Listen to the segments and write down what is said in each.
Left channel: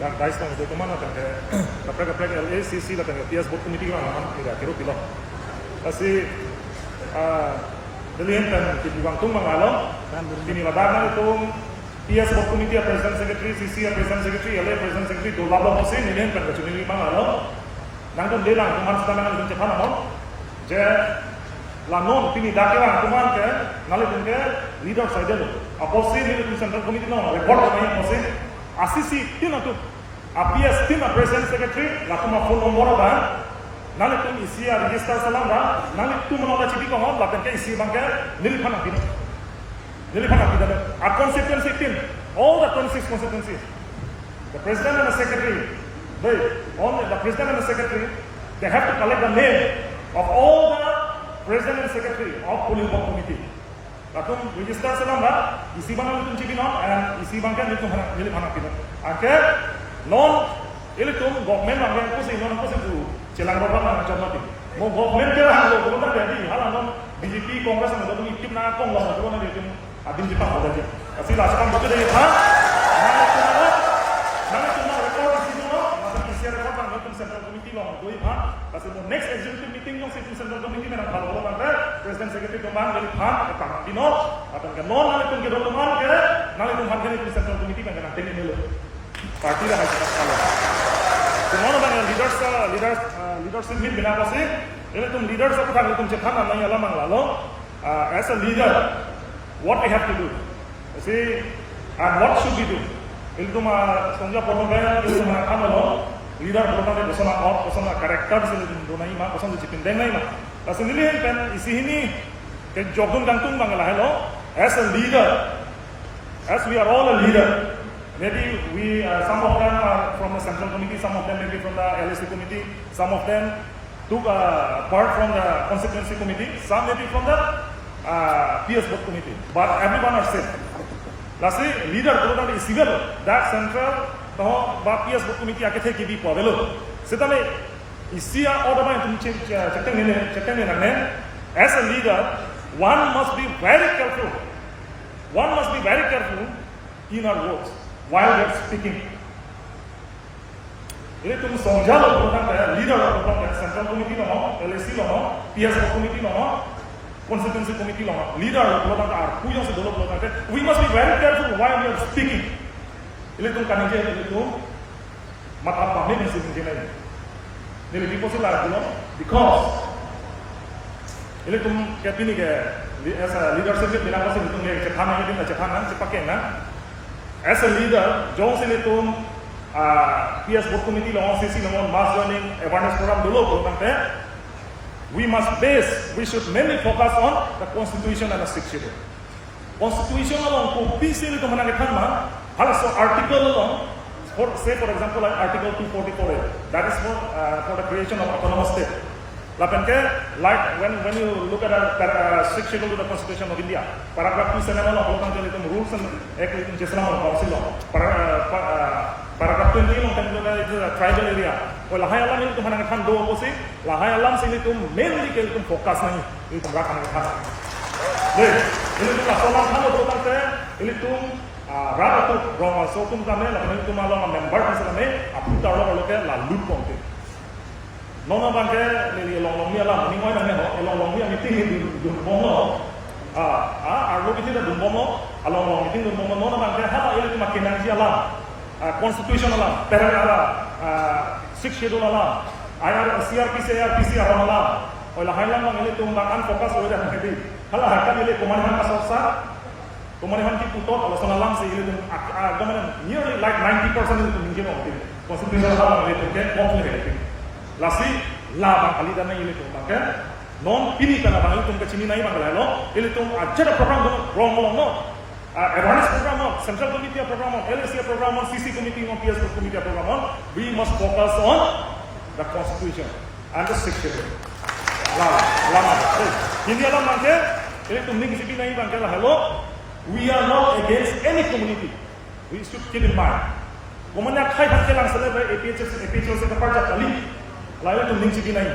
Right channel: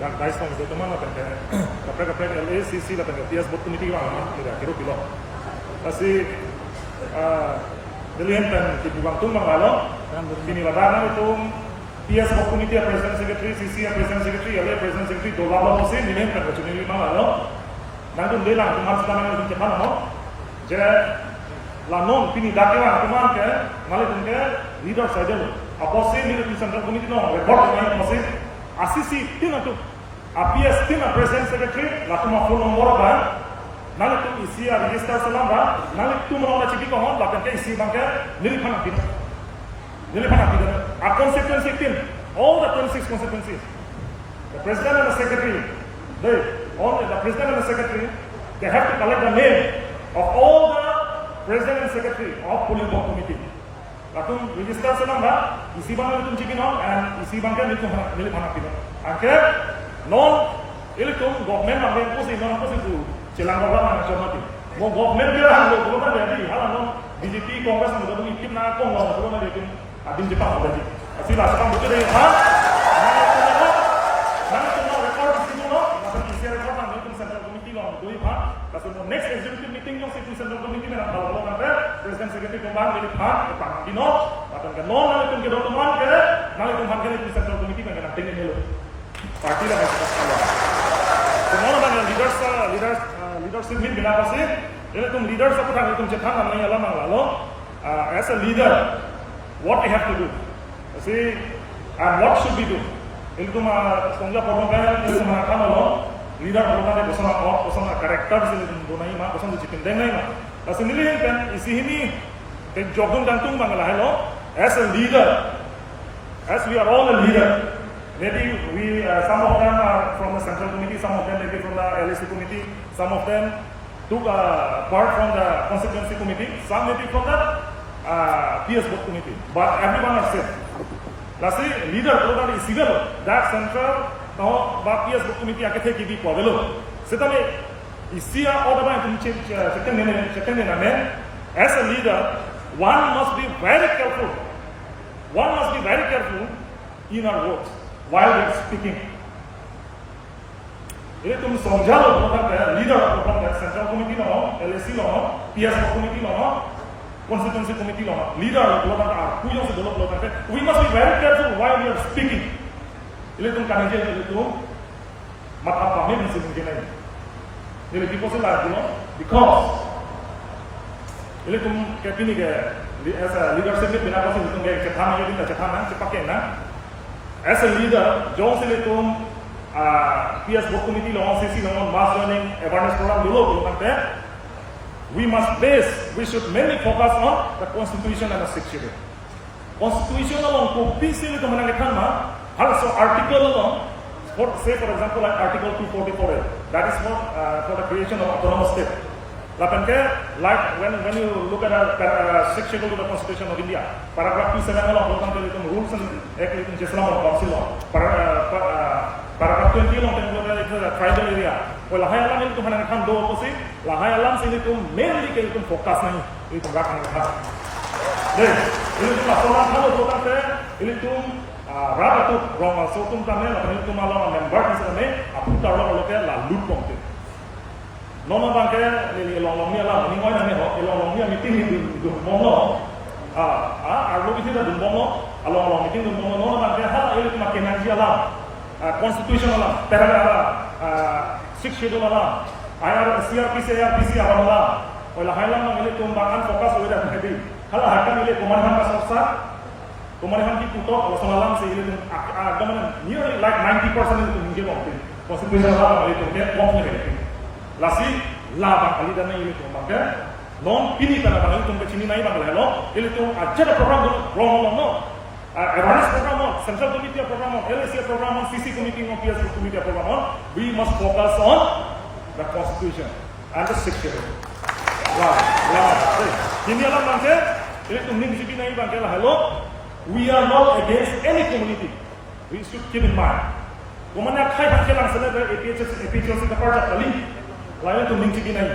dan dais tong itu teman apa ke kaprek LACC lah ke PS board committee orang teman tidak kira pilo kasi dilihat kan dibuang tumbang lalu ini ladana itu PS board committee president secretary CC president secretary LA president secretary dua lalu masih dilihat kan kecil ini mana lalu nang tu delang teman sedang dengan cepat namun je lanon pini dakelang teman ke ngali ke leader saja lu apa sih leader central committee no record na yang masih asisi tina tu PS tina president secretary la tuma phone number ba nali tum isi register salam ba nali tu mona chipi ko hon la ke isi bangke nili phana pina a constituency team all the 26 constituencies the president and the secretary the president and the secretary they have to collect the name of all the president and secretary of polling board committee latung register salam ba isi bang litum chipi non and isi bangke nili phana pina angke non ilitum government ang ko si non ko si tu celang program ang chomati mo government kira halo ko ta jadi hala non BJP Congress ang dadu itim na kong lo ko na ditum adin jepang ko daji asi la sakam bote dai ha nang tu no record isi no latung isi record ang litum central committee lo doi ha kasi mo next executive meeting yung si central committee na halo kan president secretary kumbang dili ha pang dino atan ka non nalitum ke dokumen ke nalitum han ke central committee kan nang tingin nilo party lah hai kalau semua orang yang leadership meet bina pasti ini tum leaders apa kan tum cepat namanya lamang lalu as a leader what we have to do see and what should we do ini tum songja potong kaya ini tum nakam lalu leader potong kaya kosong or kosong karakter sini tum donai mah kosong dicipin deng nai mah pasti nilai kan isi ini ke jogdung gantung bang lah hello as a leader as we are all a leader. Maybe we, some of them are from the central committee, some of them maybe from the LAC committee, some of them took part from the constituency committee, some maybe from the PS board committee. But everyone are same. Lastly, leader program is civil. That central, PS board committee ake the kibi po belo. Setame isia order ba tum check ne as a leader, one must be very careful. One must be very careful in our words. While we are speaking, ini tum songjalo program kaya leader program kaya central committee lono, LAC lono, PS committee lono, constituency committee lono, leader program kaya kuyong se dolo program kaya we must be very careful while we are speaking. Ini tum kanije ini tum matap kami mensing jenai. Ini people sila dulu because ini tum kaya pini kaya as a leadership bina kasi tum kaya cetana jadi cetana sepakai na. As a leader, John Silitum, PS board committee, long CC, long mass learning awareness program, dulu we should mainly focus on the constitution and the 6 schedule. Constitution along ko PC itu menangkan mah, also article along, say for example like article 244, that is for the creation of autonomous state. Lapan ke, like when you look at a 6 schedule to the Constitution of India, paragraph 27 along program itu rules and act itu jeslam council law. Paragraph 20 along itu tribal area. Oh lahai alam itu mana kan do oposisi, lahai alam sini itu mainly ke itu fokus nani itu rakan kita. Deh, ini tu laporan kamu program ke, ini tu rata tu wrong so tum kami lapan itu malam member kan kami, apa tu orang ke lalu pongte. Nono bangke ni long ni alam ni ngoi nang ne ho long ni meeting ni dun bom no arlo biti da dun bom no long meeting dun bom no nono bangke hala ele tu makin nang alam constitution alam paragraph 6 schedule alam CRPC alam oila hailam nang ele tu bang focus ho ja di hala hakan ele kumanihan ka sorsa kumanihan ki puto lason alam se ele tu agaman nearly like 90% itu ninje mo constitution alam ele tu ke bom ne hele lasi la bang kali dan ini tu bangke non pini kana bang itu ke sini nai bang lelo ini tu aja program wrong no awareness program central committee program LAC program CC committee PS committee program we must focus on the constitution and the 6 schedule lama ini alam bangke ini tu ning sibi nai bangke hello we are not against any community we should keep in mind komanya khai han ke lang sele APHC ka parja kali lain itu ning sibi nai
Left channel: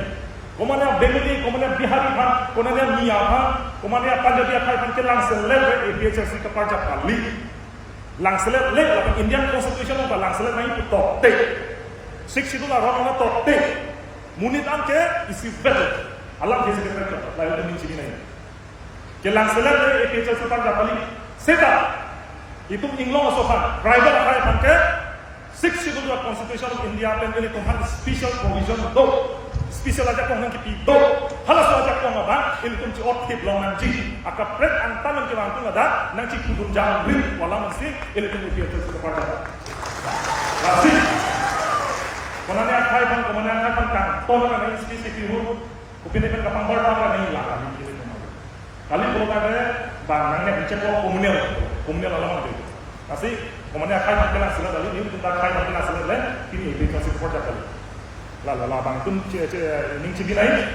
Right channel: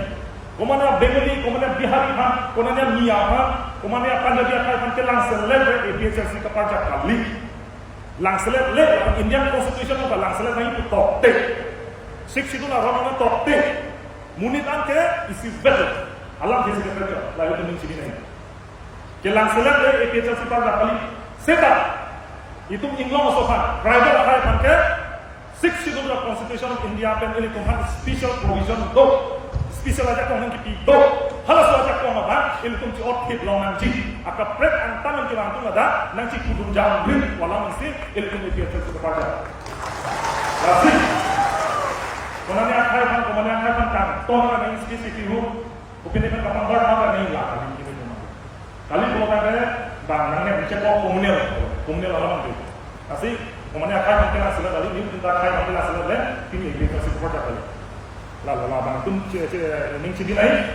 komanya Bengali komanya Bihari han komanya Mia han komanya Punjabi khai han ke lang sele APHC ka parja kali lang select le la Indian constitution ka lang select nai put tok te six itu la ron na tok te munit an ke isi better alam ke se better la itu min chibi nai ke lang select le APHL sipar da kali seta itu inglong sofa driver khai pan ke six itu la constitution of India pen ini tuhan special provision do special aja kong nang kipi do halas aja kong apa ini tum ci ot tip long nang ci aka pret ang taman ki wang tu ada nang ci kudum jang ring wala mesti ini tum dia tu ke pada lasi konani akai pan konani akai pan kang ton na nang specific ru upine pen kapang bar pa nang la kali ini memang kali kalau kata bang nang ne bincang kok komunal alamang tu tapi konani akai pan kena sila kali ni kita akai pan kena sila le ini dia tu support kali la bang tum ning chibi nai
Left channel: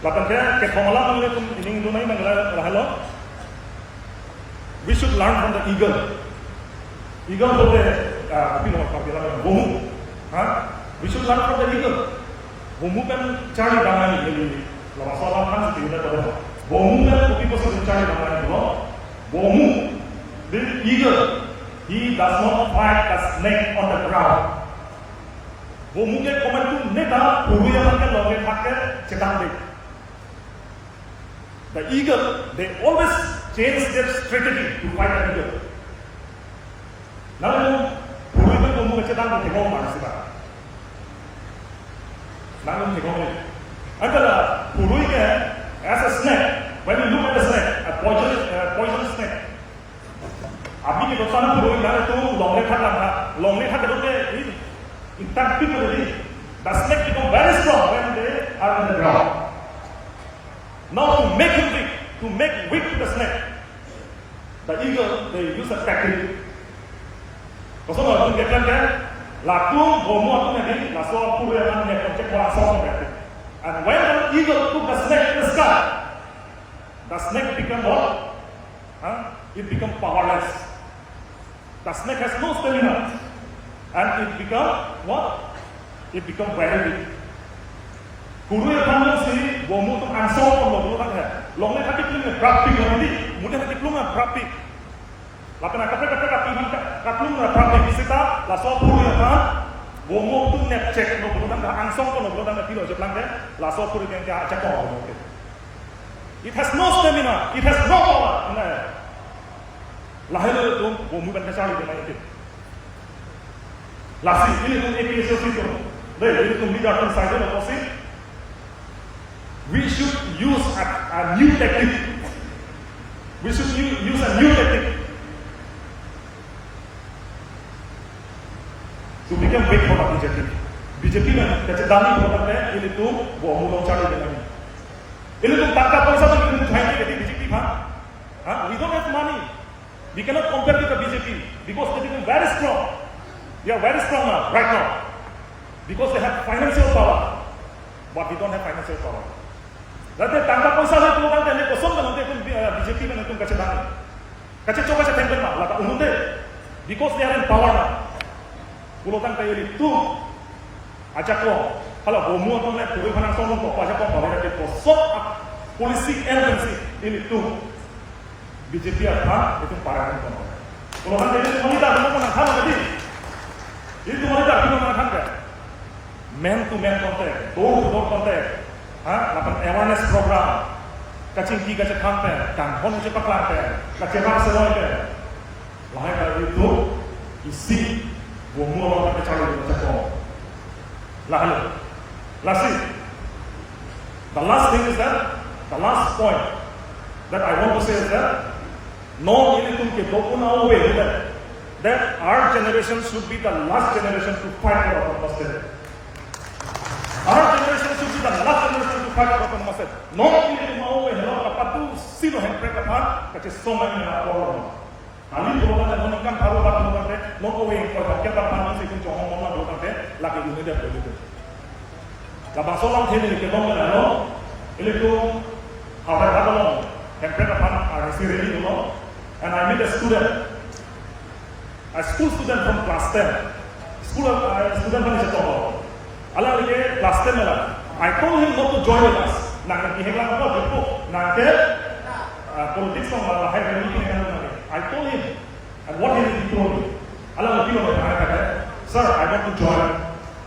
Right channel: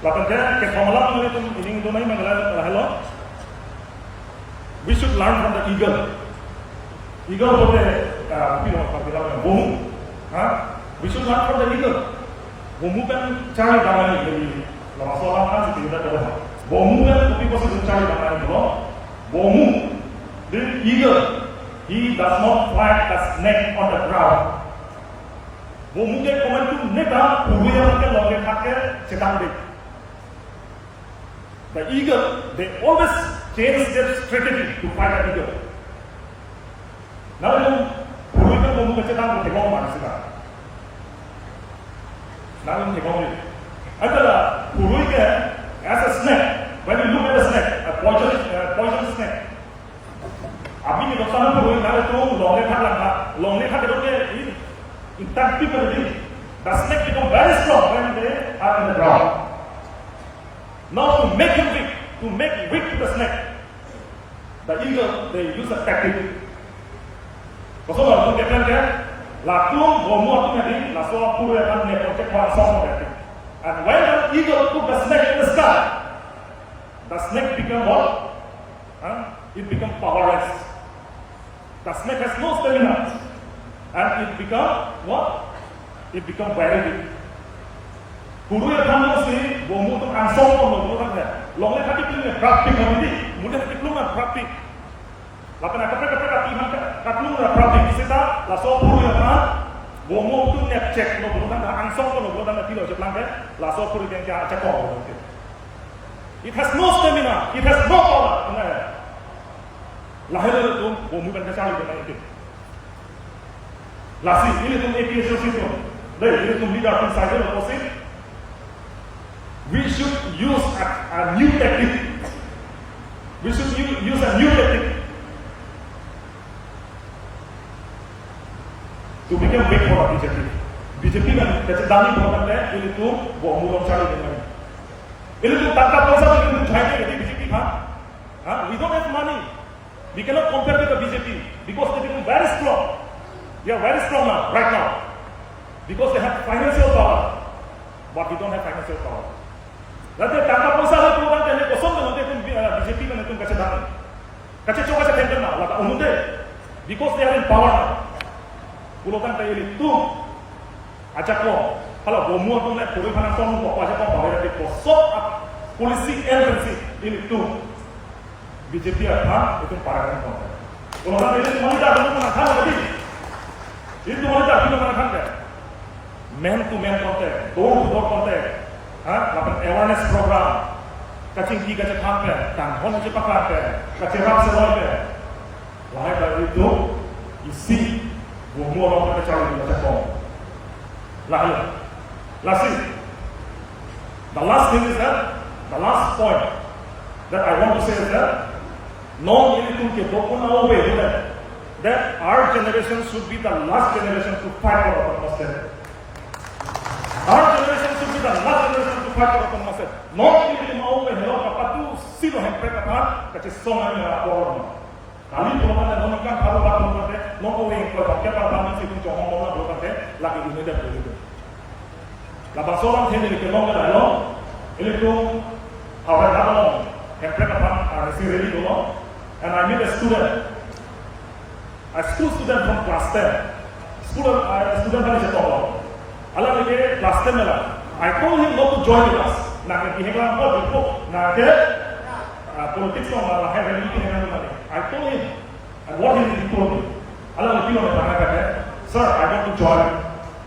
la pan ke phomala nang tum ning do nai mangala rahalo we should learn from the eagle bote pilo pa bila bomu ha we should learn from the eagle bomu kan cari damai ni la masalah kan situ dah ada bomu kan kopi pasti cari damai ni bomu the eagle he does not fight the snake on the ground bomu ke komen tu neta puruya kan longe thake chetan de the eagle they always change their strategy to fight the eagle now puruya kan bomu ke chetan ko thegong man sila now thegong ni antara puruya ke as a snake when you look at the snake a poison snake abhi ke doktan puruya na to longe thak ke doke in fact, people believe the snake become very strong when they are in the ground. Now to make him weak, to make weak the snake, the eagle they use a tactic. Kalau orang tu katakan kan, lakukan bomu tu nanti, langsung puluh yang ni project langsung nanti. And when the eagle took the snake in the sky, the snake become what? It become powerless. The snake has no stamina. And it become what? It become very weak. Guru yang kamu sih, bomu tu ansong pun loh kan ya. Long ni hati kelumnya praktik hari ini, mudah hati kelumnya praktik. Lapan nak kapek kapihan katlumnya praktik. Kita langsung guru yang kan, bomu tu net check loh kan ansong pun loh kan kilo jeplang kan, langsung guru yang kaya cek loh. It has no stamina, it has no power. Lahir itu bomu kan kecali dia main itu. Lasi, ini pun APHL system. Ini pun leader pun saja opposite. We should use a new technique. We should use a new technique to become weak for the BJP. BJP kan kecedani program teh ini tu bawa mulung cari dengan ini. Ini tu tangkap पैसा tu ini uठाएंगे jadi BJP kan? We don't have money. We cannot compare with the BJP because they become very strong. They are very strong now, right now, because they have financial power, but we don't have financial power. Nanti tangkap पैसा le pulang tadi kosong dengan nanti pun BJP kan itu kacau dana, kacau coba kacau tender mah, laka unut deh, because they are in power now. Pulang tadi itu ajak lo, kalau bomu tu le puri panang song kok ajak kok balik nanti kosong polisi agency ini tu BJP apa itu parangan kok. Pulang tadi itu mana dah belum mana tahu tadi. Itu wanita bila mana kan? Man to man contact, door to door contact, lapan awareness program, kacing tiga cek hamper, kan hon aja paklan pe, kacing ram seloi pe, lahir dari itu isi bomu orang kecali di macam pom, lahir, lasi. The last thing is that the last point that I want to say is that no ini tu ke dokun away that our generation should be the last generation to fight for autonomous state. Our generation should be the last generation to fight for autonomous state. Not only to mau hello kapatu silo hempre kapan kaci songan na orang. Kali program dan monikan baru waktu nanti, no going kalau kita parman sih pun johong mona program nanti lagi dunia dah begitu. Labang solam tadi ni kelong kan lo, ini tu kawan kawan hempre kapan arisi reli dulu, and I meet a school student from class 10. Student from Chetong. Alam lagi class 10 lah. I told him not to join us. Nang yang henglang apa dulu, nang ke politics orang lah hai religion dengan mana. I told him And what he told me, alam mo parang kaya, sir, I want to join.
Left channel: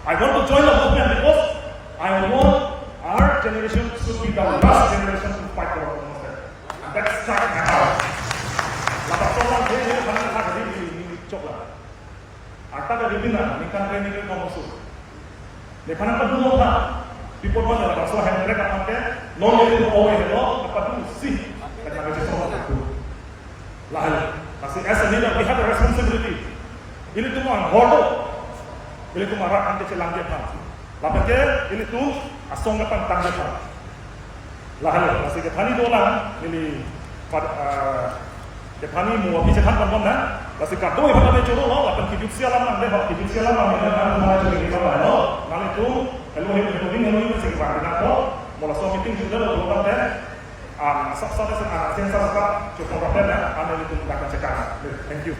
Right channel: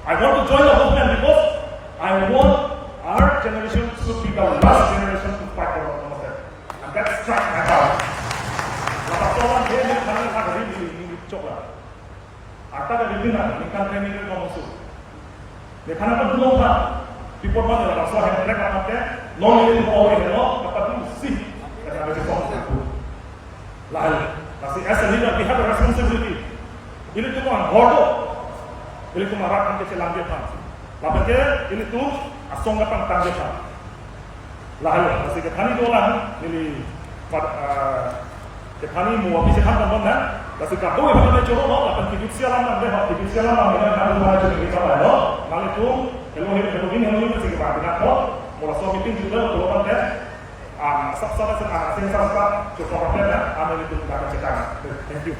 I want to join the movement because I want our generation should be the last generation to fight for democracy. And that struck my heart. Lepas orang dia panggil saya di coklat. Arta ke pimpinan, lingkar training ke kamusu. Dia panggil dulu kan, report mana lah, so yang mereka pakai, non itu awal hello, apa dulu sih, kerana kita kamusu. Lalu, masih as a leader, we have a responsibility. Ini tu mah gordo, ini tu mah rat ante celang dia pan. Lapan ke, ini tu asong lapan tang dia pan. Lalu, masih kita ni dua orang, ini kita ni mau habis kita kan mana, masih kado ibu kita curu lo, lapan hidup sialam nang deh, hidup sialam nang deh, nang mana curu kita lo, nang itu, hello ini masih kita bina ko, mula so meeting juga lo tuh kan deh. Sab-sab sen anak sing sab cukup problem ya, ane itu kita akan cekak. Thank you.